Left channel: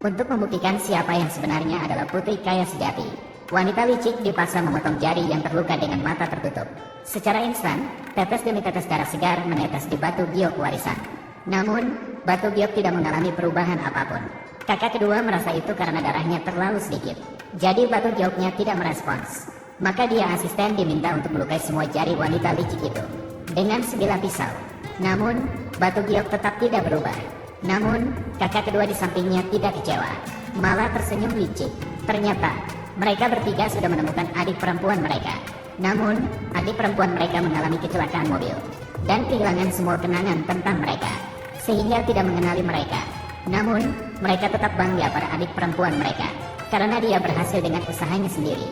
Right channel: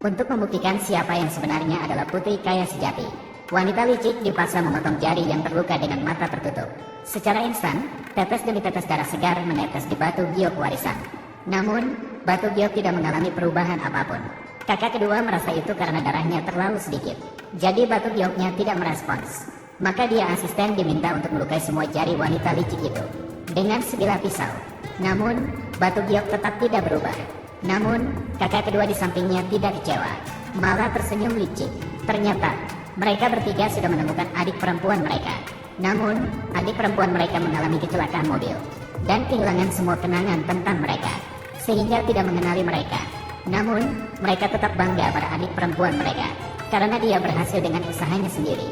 Untuk membuktikan siapa yang sebenarnya adalah putri kaya sejati, wanita licik dipaksa memotong jari yang terluka dengan mata tertutup. Secara instan, tetes demi tetes darah segar menetes di batu giok warisan. Namun, batu giok tidak mengalami perubahan apapun. Kakak kedua merasa itu karena darahnya terlalu sedikit. Jadi batu gioknya tidak merespons. Maka dia asisten diminta untuk melukai semua jari wanita licik itu dengan sebilah pisau. Namun, batu giok tetap tidak berubah. Namun, kakak kedua di sampingnya tidak kecewa, malah tersenyum licik. Ternyata, mereka bertiga sudah menemukan adik perempuan mereka. Namun, adik perempuan mereka mengalami kecelakaan mobil dan kehilangan semua kenangan tentang mereka, sehingga tidak mengenali mereka. Namun, mereka tetap bangga pada adik perempuan mereka, karena dia berhasil dengan usahanya sendiri.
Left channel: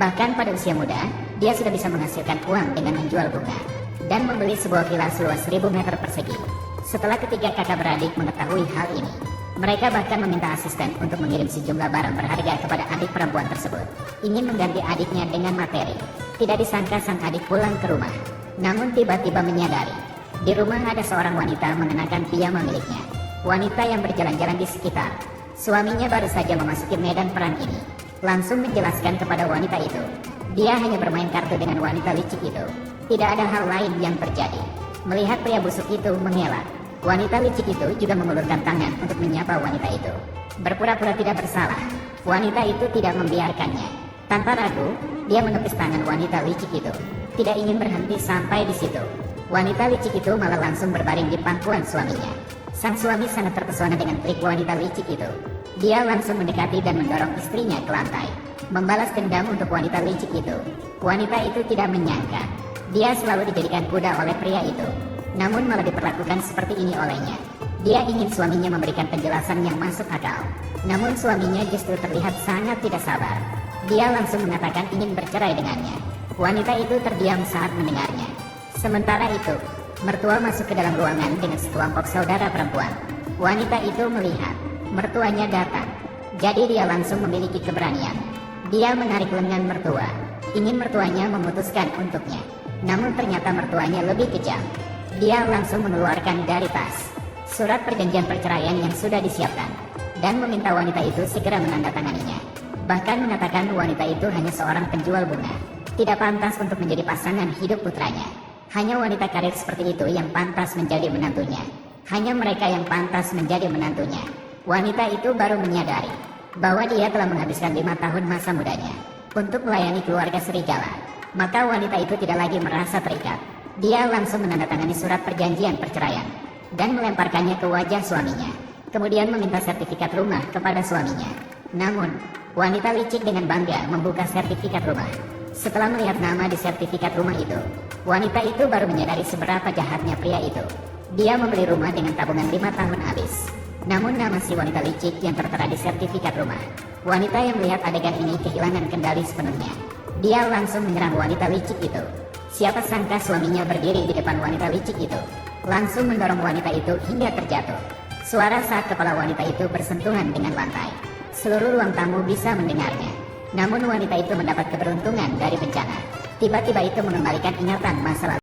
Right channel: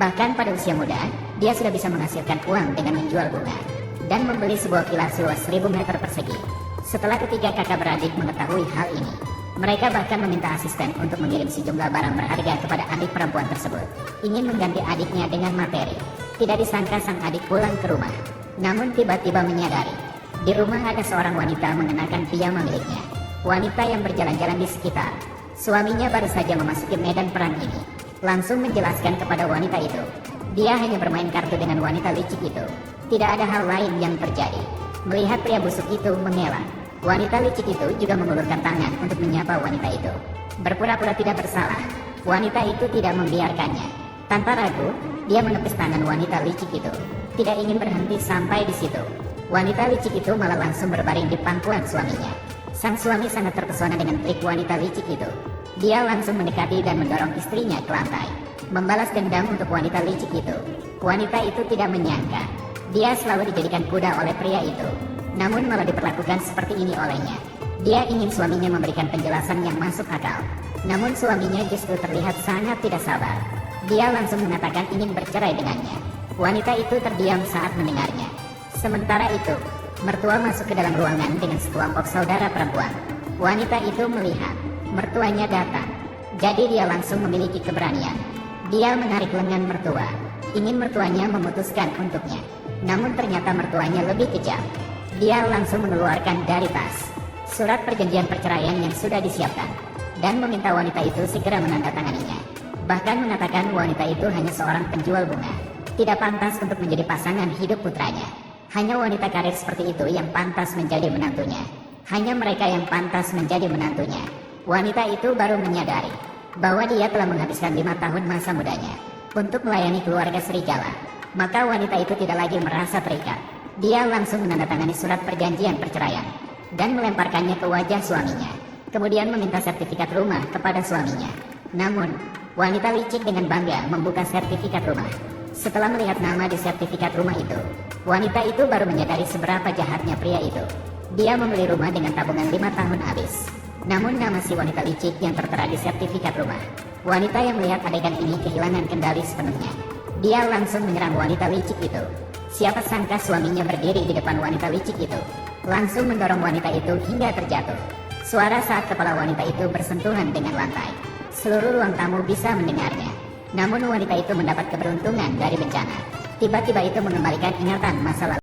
Bahkan pada usia muda, dia sudah bisa menghasilkan uang dengan menjual bunga dan membeli sebuah villa seluas 1000 meter persegi. Setelah ketiga kakak beradik mengetahui hal ini, mereka bahkan meminta asisten untuk mengirim sejumlah barang berharga kepada adik perempuan tersebut, ingin mengganti adiknya dengan materi. Tidak disangka sang adik pulang ke rumah, namun tiba-tiba menyadari di rumah ada seorang wanita mengenakan piyama miliknya. Wanita yang berjalan-jalan di sekitar. Suaminya baru saja memasuki medan perang ini, langsung menjelaskan kepada wanita itu, dia hanya bermain kartu dengan wanita licik itu. Tidak ada hal lain yang terjadi. Melihat pria busuk itu mengelak, wanita licik itu juga mengulurkan tangan untuk menyapa wanita itu. Berpura-pura tidak bersalah, wanita itu tidak membiarkannya. Tanpa ragu, dia menepis tangan wanita licik itu. Tidak ingin berhenti sampai di situ. Wanita licik itu malah langsung berbaring di pangkuan suaminya. Sang suami sangat terpesona dengan trik wanita licik itu. Dia langsung mendekati dan mendorong istrinya ke lantai, membalas dendam untuk wanita licik itu. Wanita itu tidak menyangka dia selalu dijadikan kuda oleh pria itu, namun malah diperlakukan seperti ini olehnya. Dia ingin suaminya memberikan penjelasan yang masuk akal, namun suaminya justru terlihat sangat tidak sabar. Dia langsung mengatakan ingin bercerai dengannya. Wanita itu terdiam saat mendengarnya. Sementara itu, mertua masuk ke dalam ruangan dengan sekelompok saudara perempuan. Wanita itu melihat mertuanya datang, jadi dia langsung memiliki keberanian. Dia menarik lengan mertua, ingin mertuanya memutuskan untuknya. Namun ternyata mertuanya lebih kejam. Dia langsung mengeluarkan dari tas surat perjanjian perceraian yang sudah disiapkan dan meminta wanita itu segera menandatanganinya. Bahkan mengatakan wanita itu hanya seorang penjual bunga, tidak pantas untuk menjadi pasangan hidup putranya. Hanya wanita karir seperti itu yang pantas menjadi menantunya. Hanya mereka yang pantas menjadi menantunya. Wanita itu baru menyadari bahwa dia telah menghabiskan 5 tahun masa mudanya untuk melayani keluarga serigala. Maka wanita itu tidak lagi merasa terikat. Dia langsung menandatangani surat perjanjian perceraian dan melemparkannya ke wajah suaminya. Kemudian meminta sertifikat rumah kepada suaminya. Namun, wanita licik dengan bangga membuka sertifikat rumah. Setelah melihat nama di sertifikat rumah itu, wanita itu baru menyadari seberapa jahatnya pria itu. Dia membeli rumah dengan tabungan 5 tahun habis. Namun nama si wanita licik yang tertera di sertifikat rumah. Wanita yang melihat adegan ini kehilangan kendali sepenuhnya. Dia langsung menyerang wanita licik itu. Siapa sangka suaminya berdiri di depan wanita licik itu, langsung mendorong wanita itu hingga terjatuh. Suara saat kepala wanita itu bersentuhan dengan lantai. Seluruh ruang tamu bisa mendengarnya. Namun wanita itu mendapat keberuntungan dari bencana. Tiba-tiba itu mengembalikan ingatan masa lalu.